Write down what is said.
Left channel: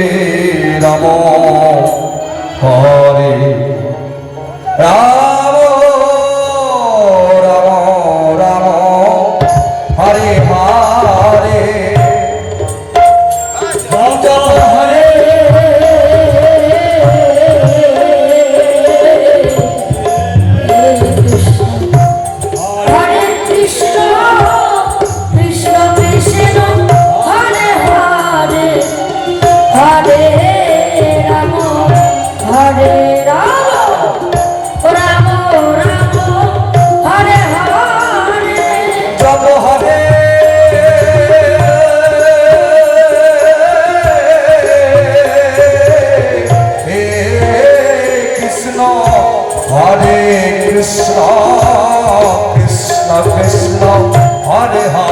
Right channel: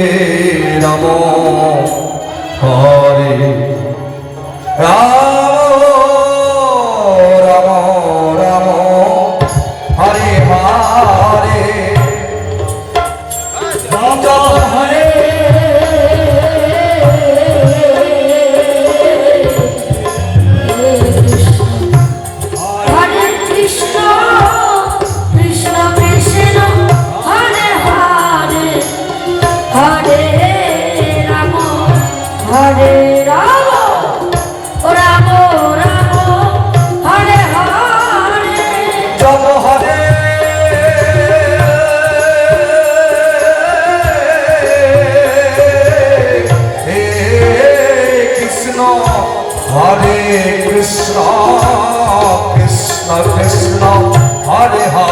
Amen. Krishna Krishna Hare Hare